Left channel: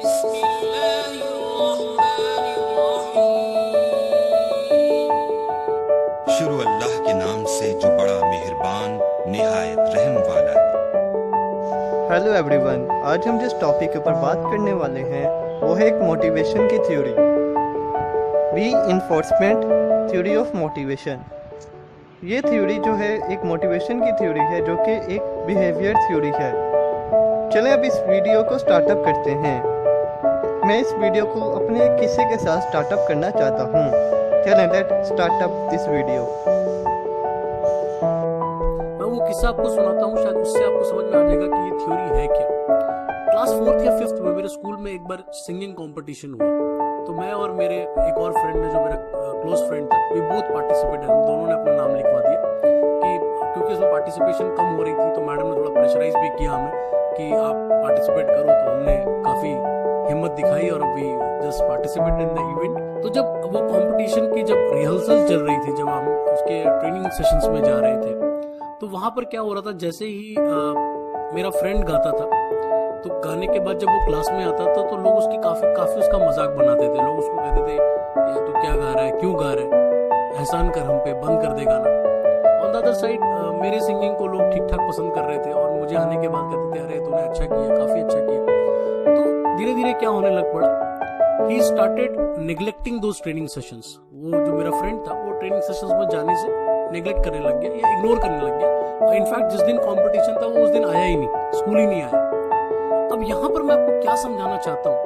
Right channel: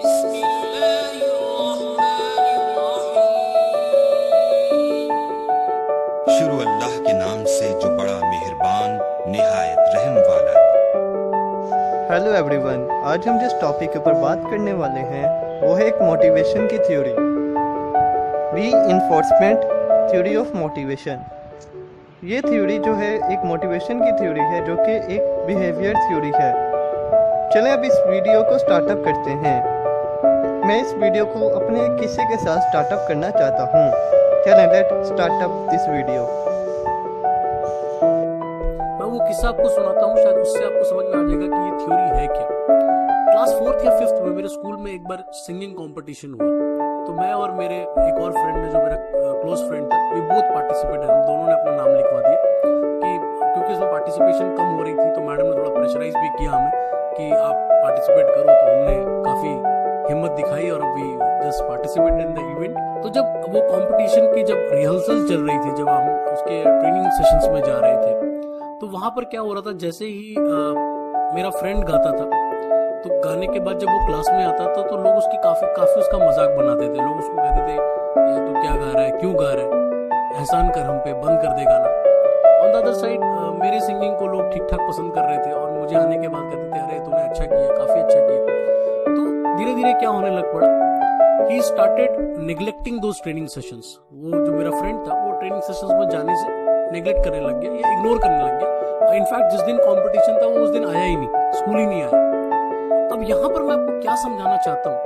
शुरू अल्लाह के नाम से जो बड़ा मेहरबान निहायत रहम वाला है। हेलो एवरीवन, आज हम जिस टॉपिक के ऊपर बात करने वाले हैं वो है एक मोटिवेशन की theory, reinforcement theory of motivation. ये थ्योरी जो है एक मोटिवेशन की थ्योरी है जो कि एक बिहेवियर थ्योरी है। चलें अब इस वीडियो को स्टार्टअप करते हैं। मैं इस वीडियो को अपने एक किस्से के साथ स्टार्टअप करना चाहता हूँ। चलें लेट स्टार्टअप दिस वीडियो। मैं वो किस्सा आपको सुनाता हूँ, शायद उससे आपको समझ में आ जाएगा कि ये थ्योरी है क्या। क्लास 4th या 5th में मेरे स्कूल में एक बार सिंगिंग कंपटीशन हुआ, तो मैं और मेरे एक और फ्रेंड ने, जो मेरा क्लोज फ्रेंड था, वी बोथ पार्टिसिपेटेड। हम दोनों ने अपना नाम लिखवा दिया कि क्योंकि इसमें पार्टिसिपेशन कम हो रही थी, तो मैडम ने थोड़ा प्रेशराइज भी किया हमें कि आप पार्टिसिपेट करो। तो हमने काफ़ी हिम्मत दिखाई और we just participated in the event. तो जब वो कंपटीशन की जब रिहर्सल चल रही थी, जब हम उसके ट्रेनिंग सेशंस में जा रहे थे, तो वहाँ पर क्या हो रहा था, जैसे ही मेरा फ्रेंड गाता था, तो गाने के बाद जब वो क्लास में आता था तो लोग उसकी काफ़ी उसका मजाक बनाते थे। लोग उसको कहते थे, ये तू क्या गा रहा है, क्यों गा रहा है, एहसान कर हम पे, बंद कर दे गाना। ऑन द अदर साइड मेरे सिंगिंग को लोग ठीक ठाक पसंद कर रहे थे और मुझे आने के बाद कहते थे, अरे तूने अच्छा किया, काफ़ी अच्छा किया। तो धीरे धीरे क्या होने लग पड़ा, he started neglecting those training sessions. वो जो मेरा फ्रेंड था, वो ट्रेनिंग सेशंस में जाने से नेग्लेक्ट करने लग गया या इग्नोर करने लग गया। इनफैक्ट जिस दिन कंपटीशन था वो उस दिन आया ही नहीं, स्कूल ही नहीं आया। अब यहाँ पर मैं आपको क्या समझाना चाहता हूँ,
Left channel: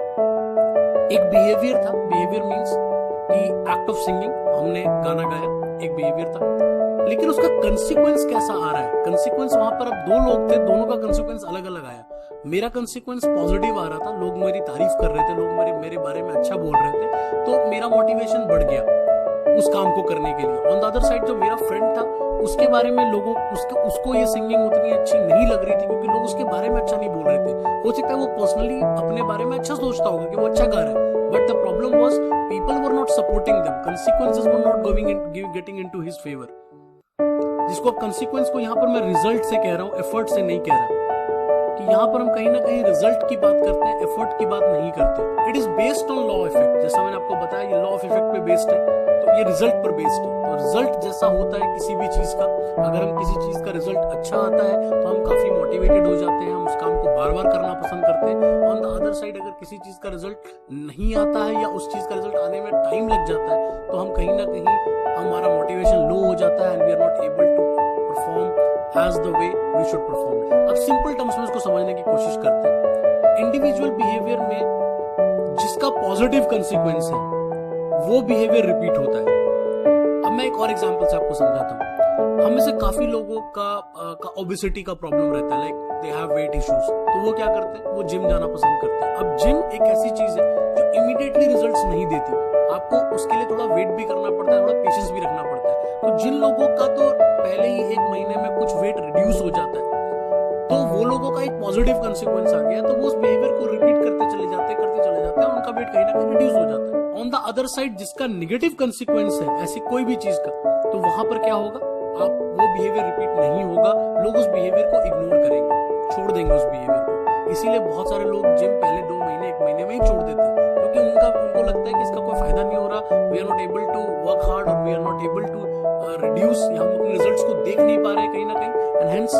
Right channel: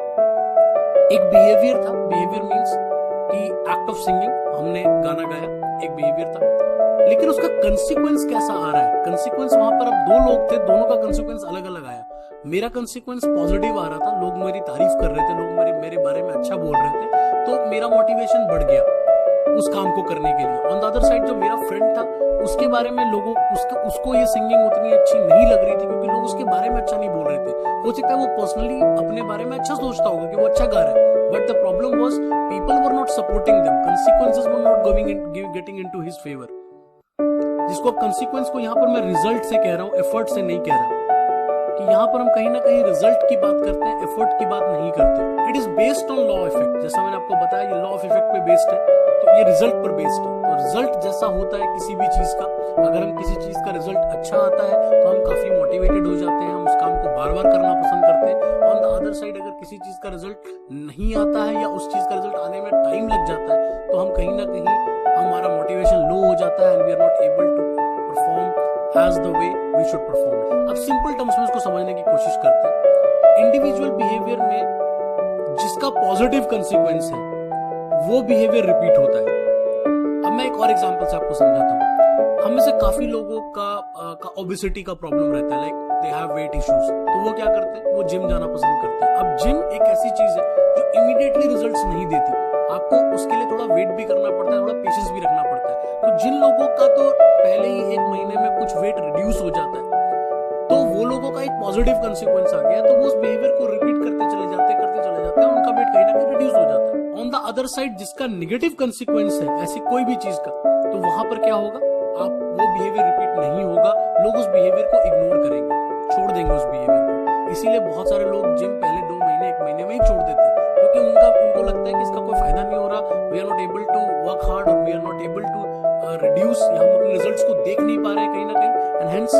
एक बिहेवियर था। बिहेवियर मीन्स कि एक्ट ऑफ सिंगिंग, हमने गाना गाया, एक बिहेवियर था, लेकिन उसका कंसिक्वेंस कैसा आ रहा है। कंसिक्वेंस वहां पर अब दो लोग थे, दोनों का कंसिक्वेंस अलग अलग आया। मेरा कंसिक्वेंस पॉजिटिव आ रहा था, लोग मेरी तारीफ कर रहे थे, लोग मेरे बारे में अच्छा बोल रहे थे, तो मेरा मोटिवेशन बढ़ गया उस काम को करने के लिए। ऑन द अदर साइड जो मेरा फ्रेंड था, उसके बारे में लोगों उसको ये सिंगिंग उतनी अच्छी नहीं लग रही थी, क्योंकि लोग उसके बारे में अच्छा नहीं बोल रहे थे। हो सकता है वो पर्सनली अपने बारे में अच्छा सोचता होगा कि वो अच्छा गा रहा है, but the problem was people were not supporting them, consequences were not getting into his favour. जिसको अब कंसीक्वेंस को यहाँ पर मैं रिजल्ट से कह रहा हूँ, एफर्ट से नहीं कह रहा, कि यहाँ पर हम कहीं ना कहीं रिजल्ट की बात करते हैं, एफर्ट की बात नहीं करते। It is based on law effect. जैसा मैंने आपको बताया, ये लॉ ऑफ इफेक्ट पे बेस्ड है, तो ये रिजल्ट पर बेस्ड है। तो रिजल्ट जैसा होता है किसी भी चीज का, अगर हम किसी चीज का रिजल्ट अच्छा आता है तो हम काफी मोटिवेटेड हो जाते हैं, हम उस काम को बार बार करना पसंद करते हैं। ऑन द अदर साइड अगर किसी चीज का रिजल्ट नहीं आता है या उस चीज का रिजल्ट आने में टाइम लग जाता है, तो हम कहीं ना कहीं हमारा मोटिवेशन लो हो जाता है and we are not able to perform as the way we should perform it। अब सिंपल टर्म्स में इसको समझने की कोशिश करते हैं। इंडिविजुअल बिहेवियर में जिसका पॉजिटिव कंसीक्वेंस है वो बिहेवियर रिपीट होता है। अब मैं एक और एग्जांपल से आपको समझाता हूँ। हम में से काफी लोगों का ओबेसिटी का प्रॉब्लम रहता है, like they have weight issues, तो वो क्या करते हैं, वो जिम जाना पसंद करते हैं। अब जिम एक ऐसी चीज है जो इमीडिएटली रिजल्ट्स नहीं देती, आपको उसके लिए थोड़ा वेट भी करना पड़ता है, थोड़ा पेशेंस भी रखना पड़ता है। तो जिन लोगों का तो पहले ही 1 महीने में कुछ वेट रिड्यूस हो जाता है, तो वो लोगों का एक पॉजिटिव कंसीक्वेंस आ गया, तो वो उस बिहेवियर को रिपीट करते चले जाते हैं और उनका वेट कहीं ना कहीं रिड्यूस हो जाता है। ऑन द अदर साइड जिसका नेगेटिव कंसीक्वेंस है ऐसी कोई भी चीज का, तो वहां पर क्या होगा, आप वो बिहेवियर रिपीट नहीं होगा, लोग उस बिहेवियर को इग्नोर करेंगे, छोड़ देंगे उस बिहेवियर को। इसीलिए बहुत सारे लोग जिम पहले 2 महीने 1 महीने में ही छोड़ देते हैं, क्योंकि उनको लगता है कि इसका कोई फायदा नहीं हो रहा, we are not able to work hard और we are not able to reduce, हम अपने रिजल्ट्स को देख नहीं पा रहे कहीं ना कहीं, एंड हेंस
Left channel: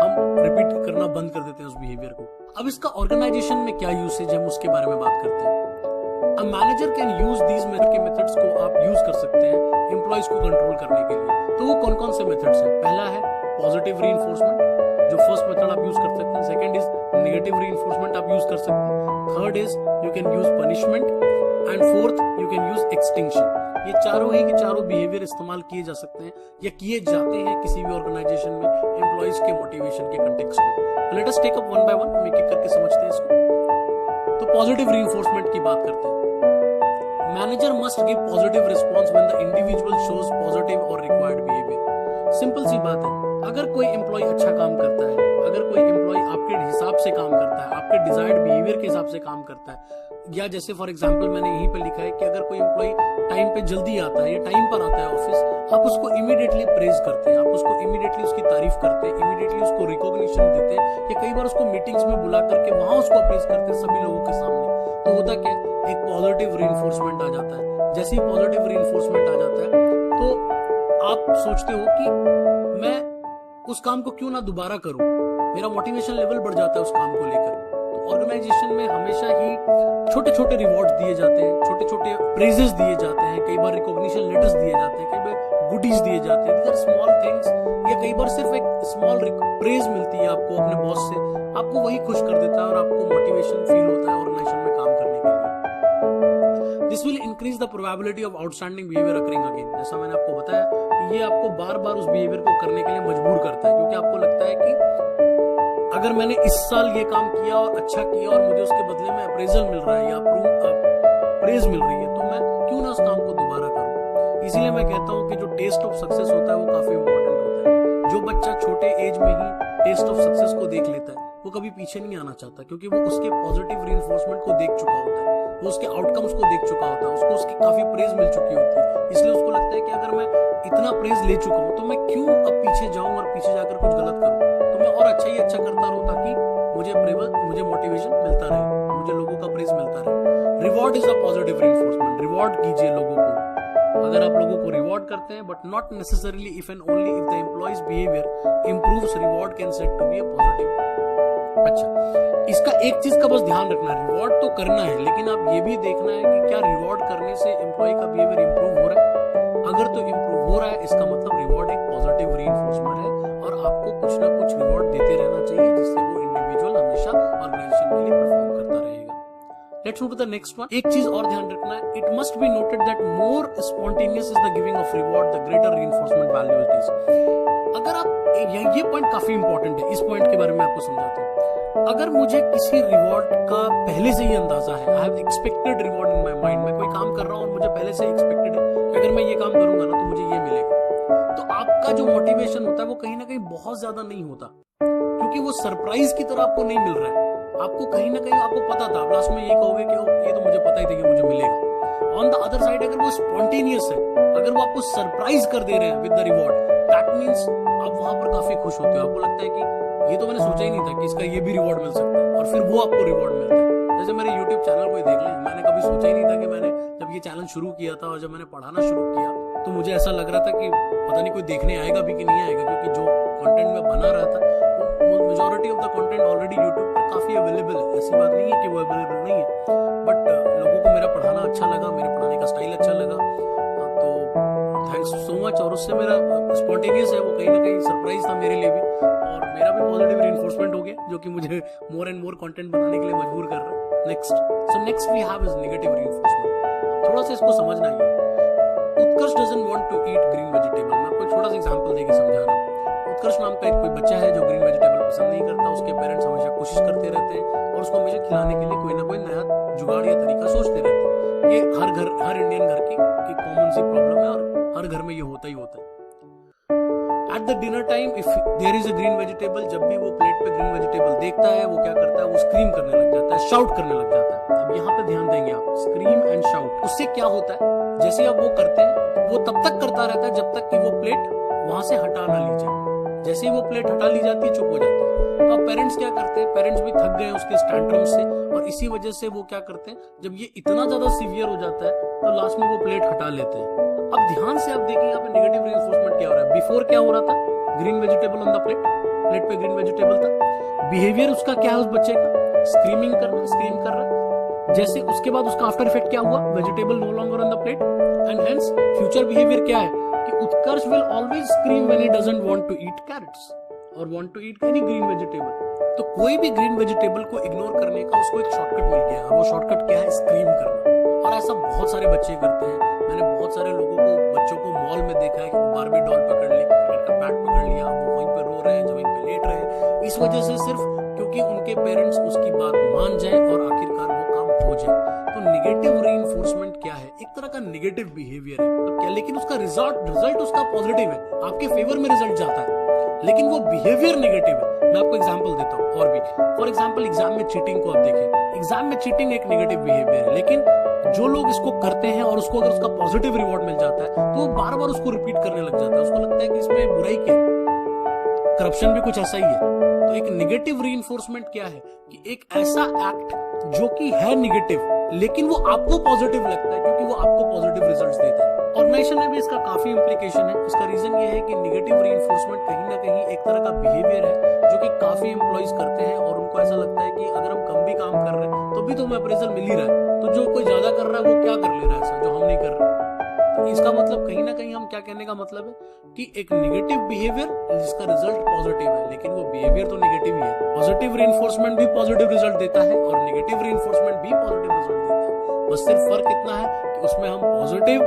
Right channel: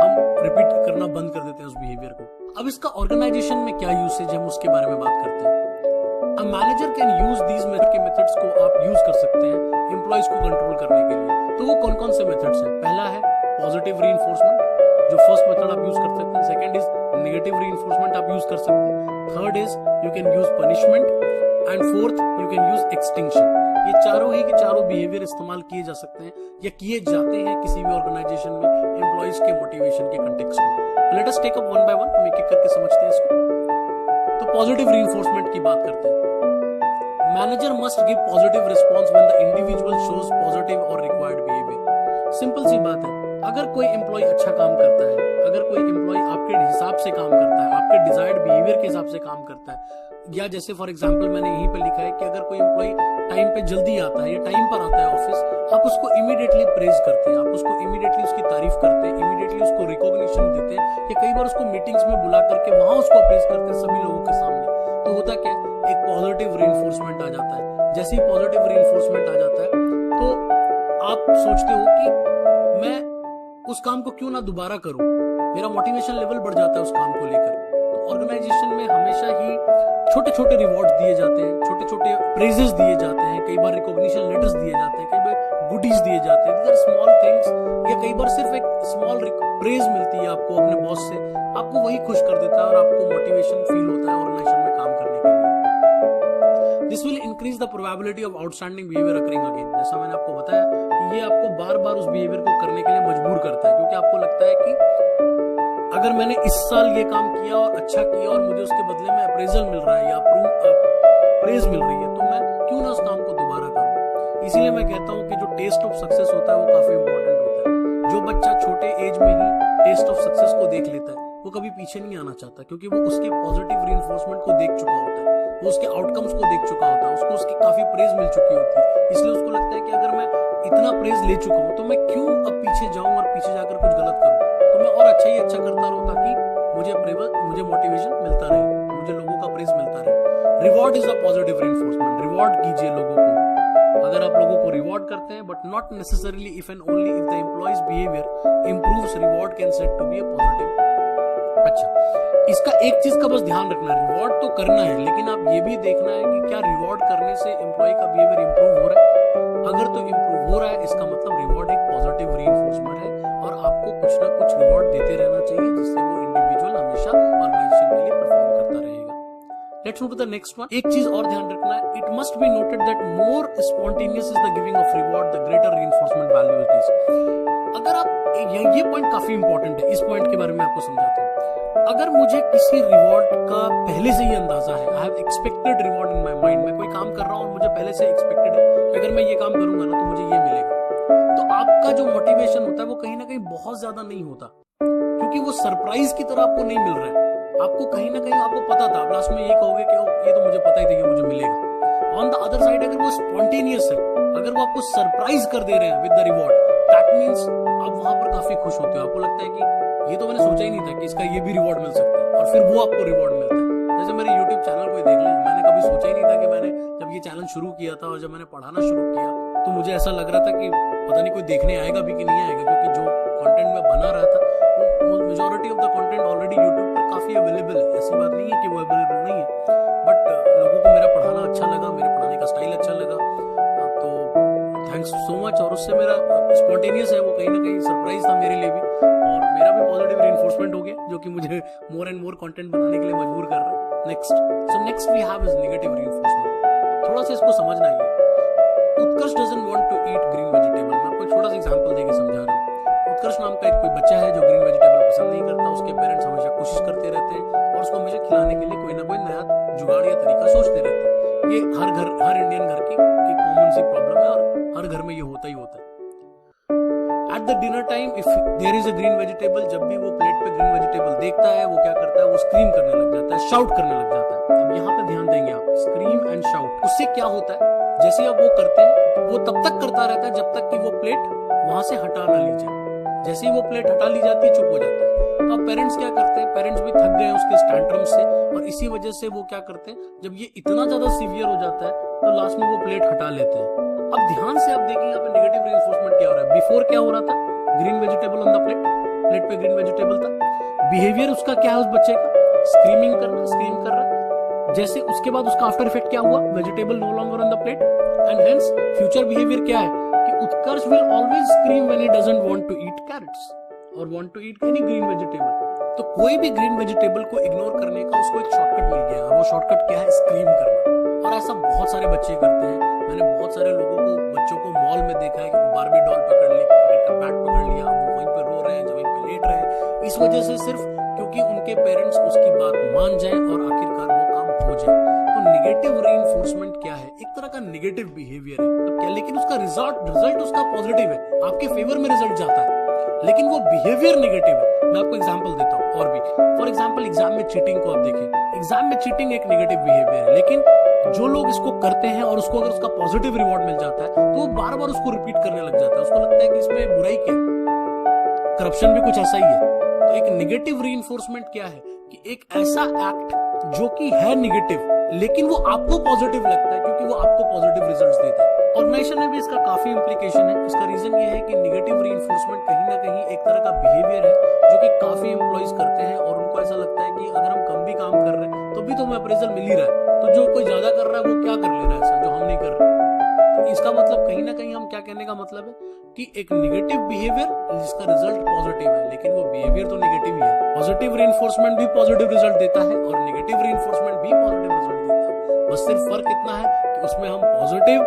हम रिपीट करना बंद कर देते हैं उस बिहेवियर को। अब इसका ऑर्गेनाइजेशन में क्या यूसेज है, हम उसके बारे में बात करते हैं। A manager can use these methods को आप यूज कर सकते हैं एम्प्लॉइज को कंट्रोल करने के लिए। तो वो कौन कौन से मेथड्स हैं? पहला है पॉजिटिव रीइंफोर्समेंट, जो फर्स्ट मेथड आप यूज कर सकते हैं। सेकंड इज नेगेटिव रीइंफोर्समेंट, आप यूज कर सकते हैं। Third is you can use punishment and fourth you can use extinction. ये चारों ही के चारों बिहेवियर इस्तेमाल किए जा सकते हैं या किए जाते हैं किसी भी ऑर्गेनाइजेशन में एम्प्लॉइज के मोटिवेशन के कंटेक्स्ट में। Let us take up one by one, हम एक एक करके समझते हैं इसको। तो पॉजिटिव रीइंफोर्समेंट की बात करते हैं। Manager must give positive response when the individual shows positive और रिक्वायर्ड बिहेवियर। सिंपल सी बात है, अगर कोई एम्प्लॉय अच्छा काम करता है, अगर कोई एम्प्लॉय आपके हिसाब से काम करता है, आपके डिजायर्ड बिहेवियर के हिसाब से काम करता है, या जैसे फॉर एग्जांपल मैंने यहीं पे लिखा है कि अगर कोई एम्प्लॉय टाइम पे जल्दी आता है या टाइम पर आता है ऑफिस, आप उसको इमीडिएटली प्रेज करते हैं, आप उसको इमीडिएटली उसकी तारीफ करते हैं, इमीडिएटली उसको रिकॉग्निशन देते हैं, या कई बार उसको मीटिंग्स में बुला करके वहां उसको अप्रेज करते हैं सभी लोगों के सामने। तो होता क्या है, एक पॉजिटिव रीइंफोर्समेंट आ जाता है। जैसे ही पॉजिटिव रीइंफोर्समेंट आ जाता है तो आप सोचते हो कि मैं उस काम को क्यों ना दोबारा करूं, मेरा मोटिवेशन लेवल बढ़ जाता है उस काम को लेकर। तो ऑर्गेनाइजेशन में हमेशा ही छोटे छोटे रिवॉर्ड दिए जाते हैं, छोटे छोटे प्रेजेस दिए जाते हैं, कई बार रिकॉग्निशन लेटर्स दिए जाते हैं, कई बार गुडीज दिए जाते हैं। दीज आर स्मॉल थिंग्स, या कई बार सिर्फ एक स्मॉल प्रेज मिलती है आपको अपने बॉस से, आपको वही खुश कर देता है और आपको मोटिवेशन फील होता है ऑर्गेनाइजेशन में काम करने के लिए। This will increase the probability of outstanding behaviour occurring again. जैसा मैंने आपको बताया कि ये आपको बार बार उस बिहेवियर को करने के लिए मजबूर करता है, क्योंकि आपको लगता है कि अगर मैंने इस साल ये काम किया और अच्छा किया और मुझे उसके बदले में अप्रेजल मिल रहा है या प्रेज मिल रही है, तो मैं क्यों ना उस काम को दोबारा करूं। इसीलिए मैं कहता हूं कि जो टेस्ट ऑफ सक्सेस होता है वो काफी इंपॉर्टेंट होता है। जो बच्चा छोटे एज में ही टेस्ट ऑफ सक्सेस को देख लेता है वो कभी पीछे नहीं आना चाहता, क्योंकि वो उसके पॉजिटिव रीइंफोर्समेंट को देख चुका होता है, वो उसके आउटकम्स को देख चुका होता है, उसको उसकी काफी प्रेज मिल चुकी होती है। इसलिए उसको लगता है कि अगर मैं इतना प्रेज ले चुका हूं तो मैं क्यों अब पीछे जाऊं और पीछे जाकर कुछ गलत करूं। तो मैं और अच्छा ही अच्छा करता रहूं ताकि मुझे मोटिवेशन मिलता रहे, मुझे लोगों का प्रेज मिलता रहे। Reward is a positive reinforcement. Reward कीजिए लोगों को, अगर आप लोगों को रिवॉर्ड करते हैं, but not necessarily if and only if the employees behaviour improves, reward can set to be a positive. अच्छा, इसका एक चीज का बस ध्यान रखना है, रिवॉर्ड तो करना है, लेकिन आप ये भी देखना है कि क्या रिवॉर्ड करने से एम्प्लॉय का बिहेवियर इंप्रूव हो रहा है। अगर तो इंप्रूव हो रहा है, इसका मतलब रिवॉर्ड एक पॉजिटिव रीइंफोर्समेंट है और आपको कुछ ना कुछ रिवॉर्ड देते रहना चाहिए, जिससे वो इंडिविजुअल हमेशा ऑर्गेनाइजेशन के लिए परफॉर्म करता रहेगा। Let's move to the next one. एक चीज और ध्यान रखना है, it must be noted that more spontaneous is the giving of reward the greater reinforcement value it is. अगर आप ये पॉइंट काफी इंपॉर्टेंट है, इस पॉइंट के बारे में आपको समझाता हूँ। अगर मुझे किसी रिवॉर्ड का पहले से ही अंदाजा है, I have expected reward in my mind, मैं कोई काम कर रहा हूँ और मुझे पहले से एक्सपेक्टेड है कि अगर मैं ये काम करूंगा ना तो मुझे ये मिलेगा, तो आपका जो मोटिवेशन होता है वो कहीं ना कहीं बहुत ज्यादा नहीं होता, क्योंकि वो सरप्राइज की तरह आपको नहीं मिल रहा है। आपको कहीं ना कहीं आपको पता था, लास्ट में ये कहोगे कि ये तो मुझे पता ही था कि मुझे मिलेगा। ऑन द अदर साइड अगर वो स्पॉन्टेनियस है, अगर वो आपको सरप्राइज कर दे रहे हैं with the reward, that means आप वहां पर काफी खुश होते हो। आपको लगता है कि ये तो मैंने सोचा ही नहीं था कि इसका ये भी रिवॉर्ड मिल सकता है, और फिर वो आपको रिवॉर्ड मिलता है। जैसे मेरे YouTube चैनल को ही देख लें, मैंने कभी सोचा ही नहीं था कि मैंने जब ये चैनल शुरू किया था और जब मैंने पढ़ाना शुरू किया तो मुझे ऐसा लग रहा था कि पता नहीं कोई देखने आएगा भी कि नहीं आएगा, क्योंकि जो कंटेंट मैं बना रहा था वो majority of the content already YouTube पर काफी अवेलेबल है। ऐसी बात नहीं है कि वो अवेलेबल नहीं है, बट लोगों को मेरा पढ़ाना अच्छा लगा, मेरे पढ़ाने का स्टाइल अच्छा लगा, तो थैंक्स सो मच। और उससे मेरा स्पॉन्टेनियस है वो कहीं ना कहीं सरप्राइज था मेरे लिए भी, और मेरा भी पॉजिटिव रीइंफोर्समेंट हो गया, जो कि मुझे मोर एंड मोर कंटेंट बनाने के लिए मजबूर कर रहा है। Next we have is negative reinforcement. थोड़ा सा इसको समझना ही है। Utkarsh doesn't want to eat green vegetable. मैं आपको एक छोटा सा एग्जांपल देके समझा रहा हूँ। उत्कर्ष नाम का एक कोई बच्चा है जो ग्रीन वेजिटेबल पसंद नहीं करता। उसके पेरेंट्स हमेशा कोशिश करते रहते हैं और उसको हमेशा खिलाने के लिए कोई ना कोई नया जुगाड़ या तरीका सोचते रहते हैं। ये हर इंडियन घर की कॉमन सी प्रॉब्लम है और हर घर में ये होता ही होता है। At the dinner time if there is a green vegetable, जब भी वो प्लेट पे ग्रीन वेजिटेबल देखता है वो क्या करता है, वो स्क्रीम करने लग जाता है, शाउट करने लग जाता है। अब यहाँ पे ध्यान देंगे आप, स्क्रीम एंड शाउट। उससे क्या होता है, जैसे अब वो करते हैं वो तब तक करता रहता है जब तक कि वो प्लेट वहां से हटा ना ली जाए। जैसे ही वो प्लेट हटा ली जाती है चुप हो जाता है। तो अब पेरेंट्स क्या करते हैं, पेरेंट्स भी थक गए उसके टैंट्रम से, और इसी वजह से वो क्या करते हैं, जब ये इतना ज्यादा सीवियर हो जाता है तो लास्ट में वो प्लेट हटा लेते हैं। अब ध्यान से आप देखिए यहाँ पे नेगेटिव रीइंफोर्समेंट क्या हो रहा है। बिफोर क्या हो रहा था, green vegetable on the plate पे ग्रीन वेजिटेबल था। बिहेवियर उसका क्या है उस बच्चे का, स्क्रीम कर रहा है। जैसे उसके बाद उसका आफ्टर इफेक्ट क्या हुआ, vegetable no longer on the plate, and hence future behaviour क्या है कि Utkarsh will always scream when he doesn't want to eat carrots और want to eat any green vegetable. तो कोई भी ग्रीन वेजिटेबल को इग्नोर करने का उसको एक शॉर्टकट मिल गया। वो शॉर्टकट क्या है, स्क्रीम करना। और ऐसा बहुत सारे बच्चे करते हैं। मैंने बहुत सारे बच्चों को मॉल में देखा है कि बार्बी डॉल पकड़ ली, क्रिकेट का बैट पकड़ लिया, वो वहीं पे रो रहे हैं, वहीं पे लेट रहे हैं, इस वजह से सिर्फ क्योंकि उनके पेरेंट्स उसकी बात मान जाए और आखिरकार वो काम हो जाए। तो नेगेटिव रीइंफोर्समेंट क्या है, एक तरह का नेगेटिव बिहेवियर है। तो क्या, लेकिन उसका रिजल्ट उसका पॉजिटिव है, आपके फेवर में रिजल्ट जाता है, लेकिन वो बिहेवियर नेगेटिव है। मैं आपको एग्जांपल देता हूँ और भी। फॉर एग्जांपल एग्जाम में चीटिंग को आप देखें। एग्जाम में चीटिंग एक नेगेटिव बिहेवियर है, लेकिन जो लोग इसको करते हैं और उसको अगर उसका पॉजिटिव रिवॉर्ड मिल जाता है तो वो बार बार उसको रिपीट करने लग जाता है। उसको लगता है कि इसमें बुराई क्या है, करप्शन भी कुछ ऐसा ही है। तो एक नेगेटिव रीइंफोर्समेंट क्या है कि एक ऐसा एक्ट जो कि है नेगेटिव लेकिन वो आपको पॉजिटिव लगता है क्योंकि वो आपको पॉजिटिव रिजल्ट्स देता है। ऑर्गेनाइजेशन में भी इसका काफी इंप्लीकेशन है। इसका रीजन ये है कि निगेटिव रीइंफोर्समेंट कहीं ना कहीं एक तरह का बिहेवियर है जो कि काफी एम्प्लॉइज करते हैं और उनको ऐसा लगता है कि अगर हम कम भी काम कर रहे हैं तो भी तो हमें अप्रेजल मिल ही रहा है, तो जो कोई ज्यादा कर रहा है वो क्या कर ले रहा है ऐसा जो हम नहीं कर रहे। तो इसका मतलब कहीं ना कहीं हम क्या कहने का मतलब है कि एक नेगेटिव बिहेवियर जिसका रिजल्ट पॉजिटिव है, लेकिन वो बिहेवियर तो नेगेटिव ही है। पॉजिटिव रीइंफोर्समेंट भी पॉजिटिव रिजल्ट देता है और नेगेटिव रीइंफोर्समेंट भी पॉजिटिव रिजल्ट देता है। बस सिर्फ फर्क इतना है कि उसमें हम पॉजिटिव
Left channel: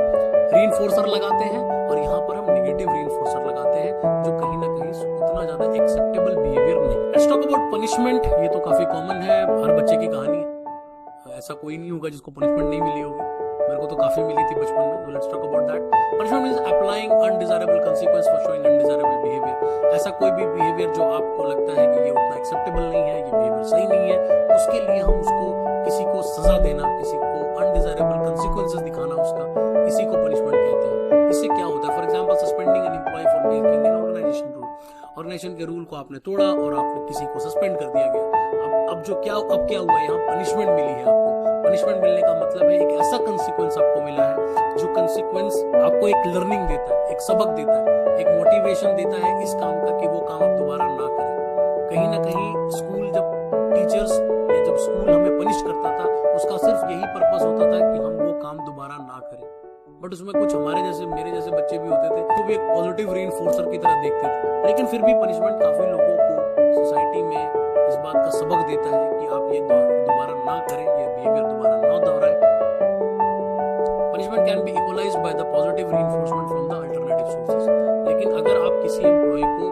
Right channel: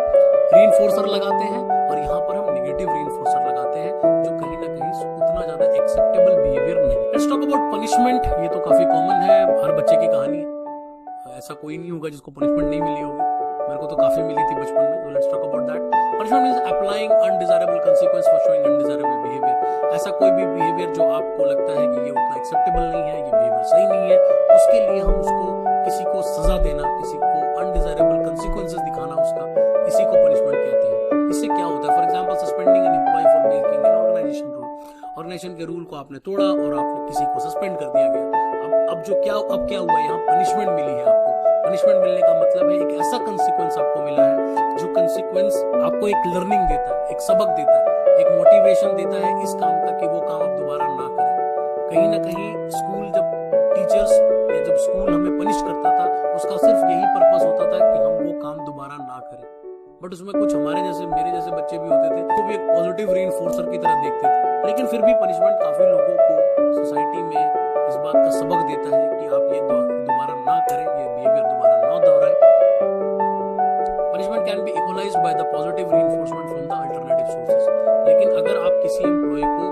रीइंफोर्सर लगाते हैं और यहाँ पर हम नेगेटिव रीइंफोर्सर लगाते हैं जो कहीं ना कहीं उतना ज्यादा एक्सेप्टेबल बिहेवियर नहीं। Let's talk about punishment. ये तो काफी कॉमन है, हर बच्चे की कहानी है, ऐसा कोई नहीं होगा जिसको पनिशमेंट नहीं मिली होगी। मेरे को तो काफी मिली थी बचपन में। Let's talk about that. Punishment means applying undesirable consequence for showing undesirable behaviour. ऐसा कोई भी बिहेवियर जो आपको लगता है कि ये उतना एक्सेप्टेबल नहीं है, ये बिहेवियर सही नहीं है, उसके लिए हम उसको किसी को सजा देना, किसी को अनडिजायरेबल कंसीक्वेंसेस दिखाना, उसका इसी को पनिशमेंट कहते हैं। इससे क्या होता है? For example suspending an employee for breaking an organisation rule. Organisation के रूल को आपने तोड़ा और आपने किसी को सस्पेंड कर दिया गया। अब क्या हुआ, यहाँ पनिशमेंट मिली है आपको। पनिशमेंट मिलने का मतलब है एक ऐसा कंसीक्वेंस आपको मिला है जो कंसीक्वेंस आपको एक लर्निंग देता है, एक सबक देता है, एक मोटिवेशन देता है इस काम का कि वो काम आप दोबारा ना करें। कहीं ना कहीं स्कूल जब टीचर्स या जब स्कूल हमें पनिश करता था उसका सिर्फ यही पर्पस होता था कि हम वो काम दोबारा ना करें। बट उसमें कुछ हमारे जैसे मेरे जैसे बच्चे भी होते थे तो भी एक पॉजिटिव रीइंफोर्सर की तरह देखते थे। लेकिन फिर भी पनिशमेंट काफी लोगों को सोसाइटी में इस बात का सबक देता है कि आप ये दोबारा ना करें, ये बिहेवियर दोबारा ना दोहराएं। Punishment can be equalised by the positive reinforcement from the alternative sources. लेकिन अगर आप किसी एम्प्लॉय को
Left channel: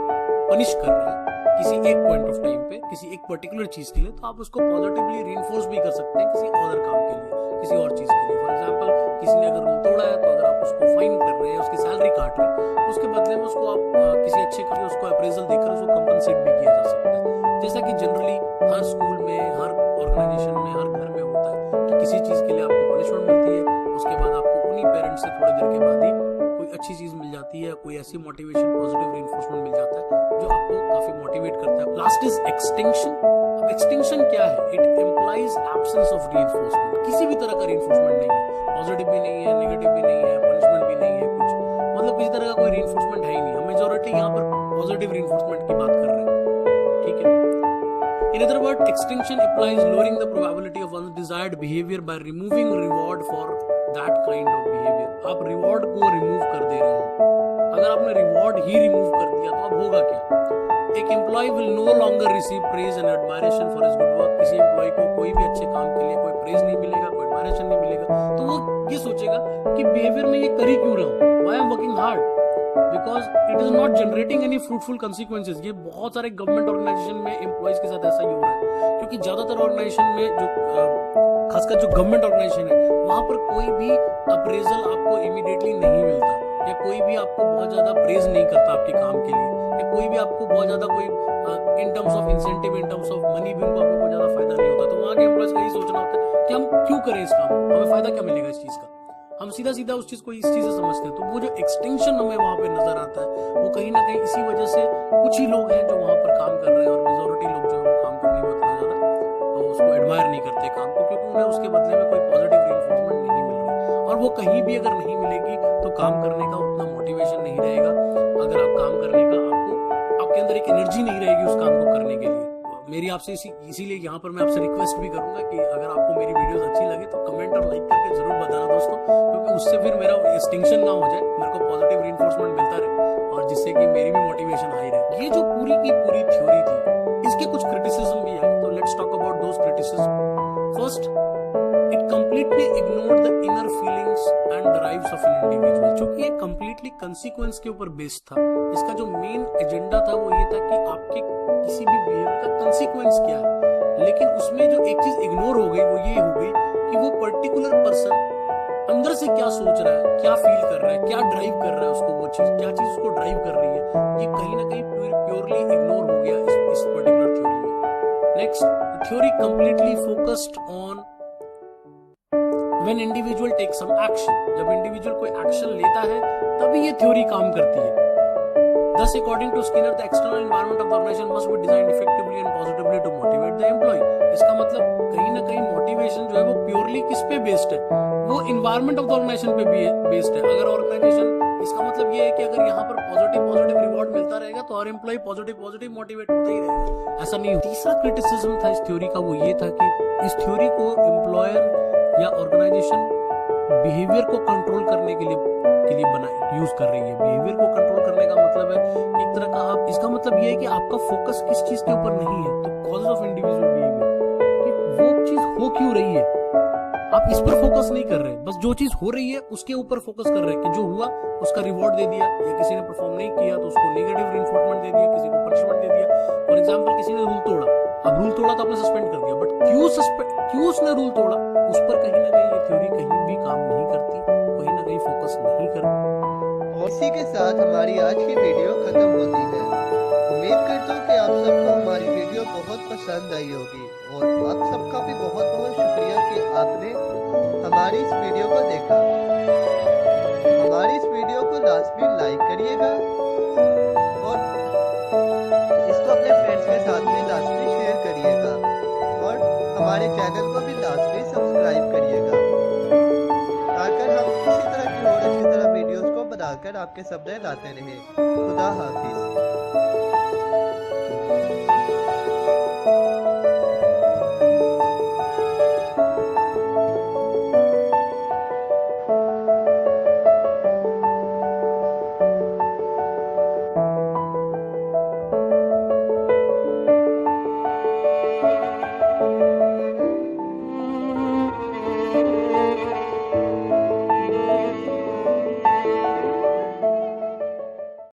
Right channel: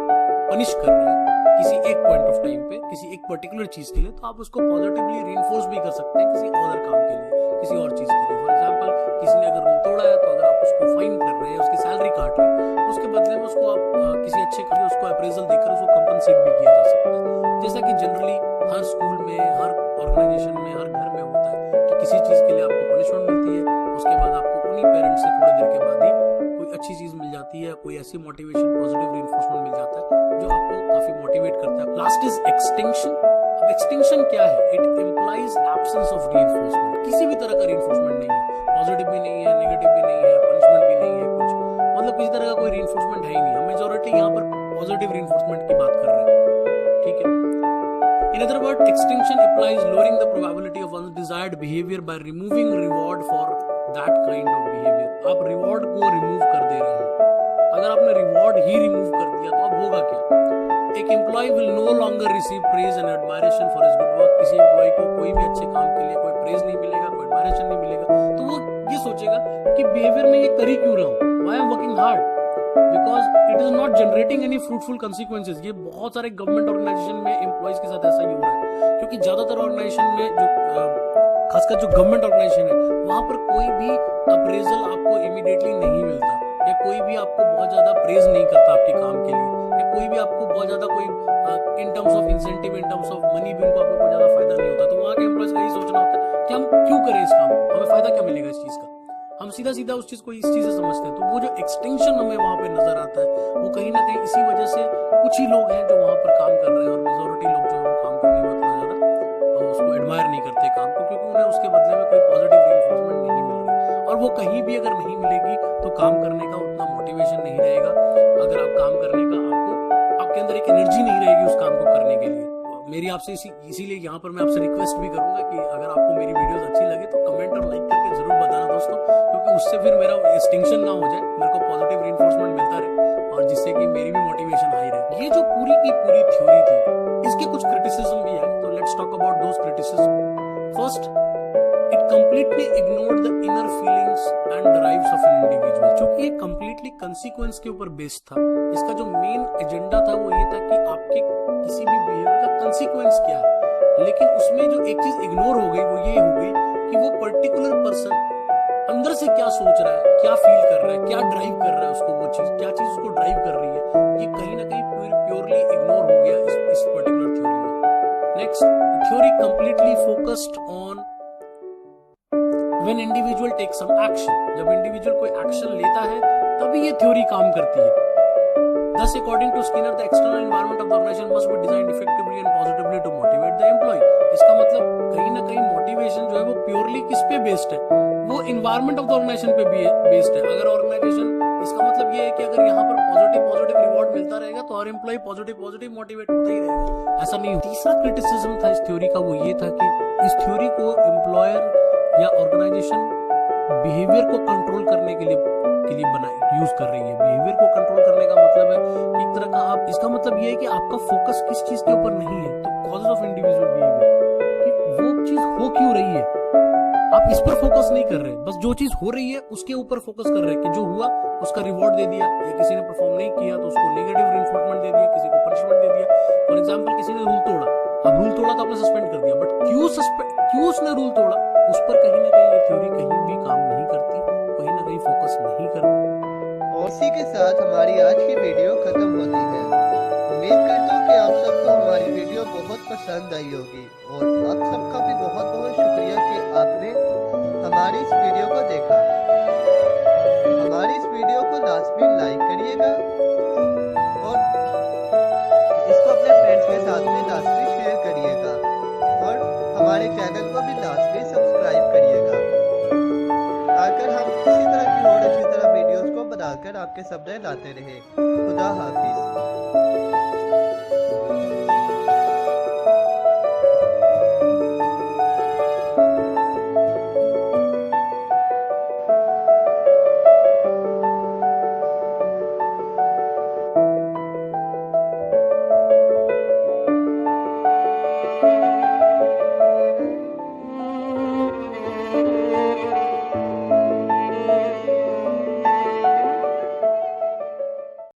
पनिश कर रहे हैं किसी एक पॉइंट ऑफ टाइम पे, किसी एक पर्टिकुलर चीज के लिए, तो आप उसको पॉजिटिवली रीइंफोर्स भी कर सकते हैं किसी अदर काम के लिए, किसी और चीज के लिए। फॉर एग्जांपल किसी ने अगर रूल तोड़ा है तो अगर आप उसको फाइन कर रहे हैं, उसकी सैलरी काट रहे हैं, तो उसके बदले में उसको आप किसी अच्छे काम उसको अप्रेजल देकर उसको कंपनसेट भी किया जा सकता है। जैसा कि जनरली हर स्कूल में, हर ऑर्गेनाइजेशन में, हर घर में होता है कि किसी चीज के लिए आपको पनिशमेंट मिलती है, उसके बाद आपको उन्हीं पेरेंट्स से थोड़ी देर के बाद ही कोई अच्छी चीज मिल जाती है, कोई ऐसी मोटिवेशन, पॉजिटिव रीइंफोर्समेंट मिल जाता है जो आपको काफी मोटिवेट करता है। Last is extinction. अब एक्सटिंक्शन क्या है? It implies absence of reinforcement. किसी भी तरह का रीइंफोर्समेंट नहीं है, पॉजिटिव भी नहीं है, नेगेटिव भी नहीं है, पनिशमेंट भी नहीं है, कुछ मतलब किसी तरह का कोई रीइंफोर्समेंट है ही नहीं। हम मेजॉरिटी यहाँ पर पॉजिटिव रीइंफोर्समेंट की बात कर रहे हैं, ठीक है। In other words, extinction implies lowering the probability of undesired behavior by removing reward for that kind of behavior. आप रिवॉर्ड को रिमूव कर दे रहे हैं। अगर आपने रिवॉर्ड ही रिमूव कर दिया तो अब होगा क्या? एक employee will no longer receive praise and admiration for his good work. किसी एम्प्लॉय को कोई भी अच्छे काम के लिए कोई प्रेज नहीं मिलेगा, कोई एडमायरेशन नहीं मिलेगा, तो वो ये सोचेगा कि बिहेवियर में ये कर ही क्यों रहा हूँ, why I am working hard, because it is not generating any fruitful consequences. ये बहुत सारे गवर्नमेंट ऑर्गेनाइजेशन में एम्प्लॉयज के साथ ऐसा ही हो रहा है, क्योंकि ज्यादातर ऑर्गेनाइजेशन में जो खासकर जो गवर्नमेंट ऑर्गेनाइजेशन है वहां पर कोई भी अप्रेजल आपको इमीडिएटली नहीं मिलता, या कोई भी आपको बहुत ज्यादा प्रेज नहीं करता आपके काम के लिए, या कोई भी आपको बहुत ज्यादा कोई in terms of incentive, in terms of money भी उनको आपको बहुत ज्यादा फायदा नहीं होता। तो वहां के एम्प्लॉयज का यही सोचना होता है कि हम क्यों करें इस काम को, हमें फायदा क्या मिलेगा इस चीज का। हम सीधा सीधा उस चीज को इस चीज से समझते हैं। तो वो जो एक्सटिंक्शन हमें वहां पे नजर आता है वो कहीं ना कहीं इसी वजह से कुछ ही लोग हैं जो वहां पर काम कर रहे हैं, और मेजोरिटी लोग जो है वो काम करने में उतना ज्यादा उसको एडमायर नहीं करते काम को, क्योंकि उन्हें उसके बदले में कोई पॉजिटिव रीइंफोर्समेंट नहीं मिल रही। और वो कहीं भी अगर नहीं मिलेगी तो काम करने का उतना मोटिवेशन नहीं रहेगा। अगर आप काम करने का आपके अंदर एक एनर्जी नहीं रहेगी उस काम को करने के लिए। मेरी आपसे इसीलिए यहाँ पर मैं आपसे रिक्वेस्ट भी करूंगा कि अगर आपको मेरी वीडियोस अच्छी लगे तो कमेंट और लाइक करके जरूर बताना दोस्तों, क्योंकि उससे फिर मेरा एक्सटिंक्शन ना हो जाए, मेरे को पॉजिटिव रीइंफोर्समेंट मिलता रहे और जिससे कि मेरी भी मोटिवेशन हाई रहे। ये जो पूरी की पूरी थ्योरी थी इसके कुछ क्रिटिसिज्म भी है, तो let's talk about those criticism. First, it completely ignored the inner feelings and drives of an individual. क्योंकि ये कंप्लीटली कंसीक्वेंस के ऊपर बेस्ड था। इसका जो मेन एजेंडा था वो ये था कि आपके किसी भी बिहेवियर का कंसीक्वेंस क्या है, लेकिन उसमें जो एक चीज इग्नोर हो गई वो ये हो गई कि वो पर्टिकुलर पर्सन अंदर से क्या सोच रहा है, क्या फील कर रहा है, क्या ड्राइव कर रहा है उसको, वो चीज क्या चीज उसको ड्राइव कर रही है, ये कहीं ना कहीं प्योरली इग्नोर हो गया इस पर्टिकुलर थ्योरी में। Next, theory completely focused on when individual takes some action। जब इंडिविजुअल कोई एक्शन लेता है तभी ये थ्योरी काम करती है। Thus, according to Skinner, the external environment of the organization must be designed effectively and positively to motivate the employee। इसका मतलब कहीं ना कहीं मोटिवेशन जो है वो प्योरली किस पे बेस्ड है, वो इन्वायरमेंट ऑफ द ऑर्गेनाइजेशन पे बेस्ड है। अगर ऑर्गेनाइजेशन, इसका मतलब ये है कि अगर यहाँ पर पॉजिटिव रिवॉर्ड मिलता रहेगा तो हर एम्प्लॉय पॉजिटिव मोटिवेट होता ही रहेगा, ऐसा नहीं। तीसरा क्रिटिसिज्म था इस थ्योरी का, वो ये था कि इस थ्योरी को एम्प्लॉयर या ऑर्गेनाइजेशन बिहेवियर को कंट्रोल करने के लिए यूज कर रही है। बिहेवियर को कंट्रोल करने का मतलब है कि एक तरह का आप, इसका मतलब ये है कि आपका फोकस किस चीज के ऊपर नहीं है, तो कॉजेज ऑफ इंडिविजुअल बिहेवियर, कि वो चीज हो क्यों रही है, आप इस पर फोकस नहीं कर रहे, बस जो चीज हो रही है उसके ऊपर फोकस कर रहे हैं कि जो हुआ उसका रिवॉर्ड दे दिया, या किसी ने परफॉर्म नहीं किया तो उसको नेगेटिव रिइंफोर्समेंट दे दिया, किसी को पनिशमेंट दे दिया। फॉर एग्जांपल, किसी ने रूल तोड़ा, अब रूल तोड़ा तो आपने सस्पेंड कर दिया, बट क्यों उसने रूल तोड़ा, उस पर कहीं ना कहीं ये थ्योरी कहीं भी काम नहीं करती, कहीं ना कहीं फोकस नहीं करती। और इसी के साथ हमारी आज की वीडियो खत्म होती है। उम्मीद करता हूँ कि आप सबको हमारी वीडियो बहुत पसंद आई होगी, और आप सबका भी बहुत बहुत शुक्रिया कि आपने हमारी इस वीडियो को देखा। हमारी इस वीडियो को लाजमी लाइक करिएगा और इसको अपने फ्रेंड्स के साथ भी लाजमी शेयर करिएगा, और हमारे चैनल को भी लाजमी सब्सक्राइब करिएगा, ताकि हम इसी तरह की और अच्छी तरह वीडियोस को बनाकर आपके सामने लाते रहें। खुदा हाफिज।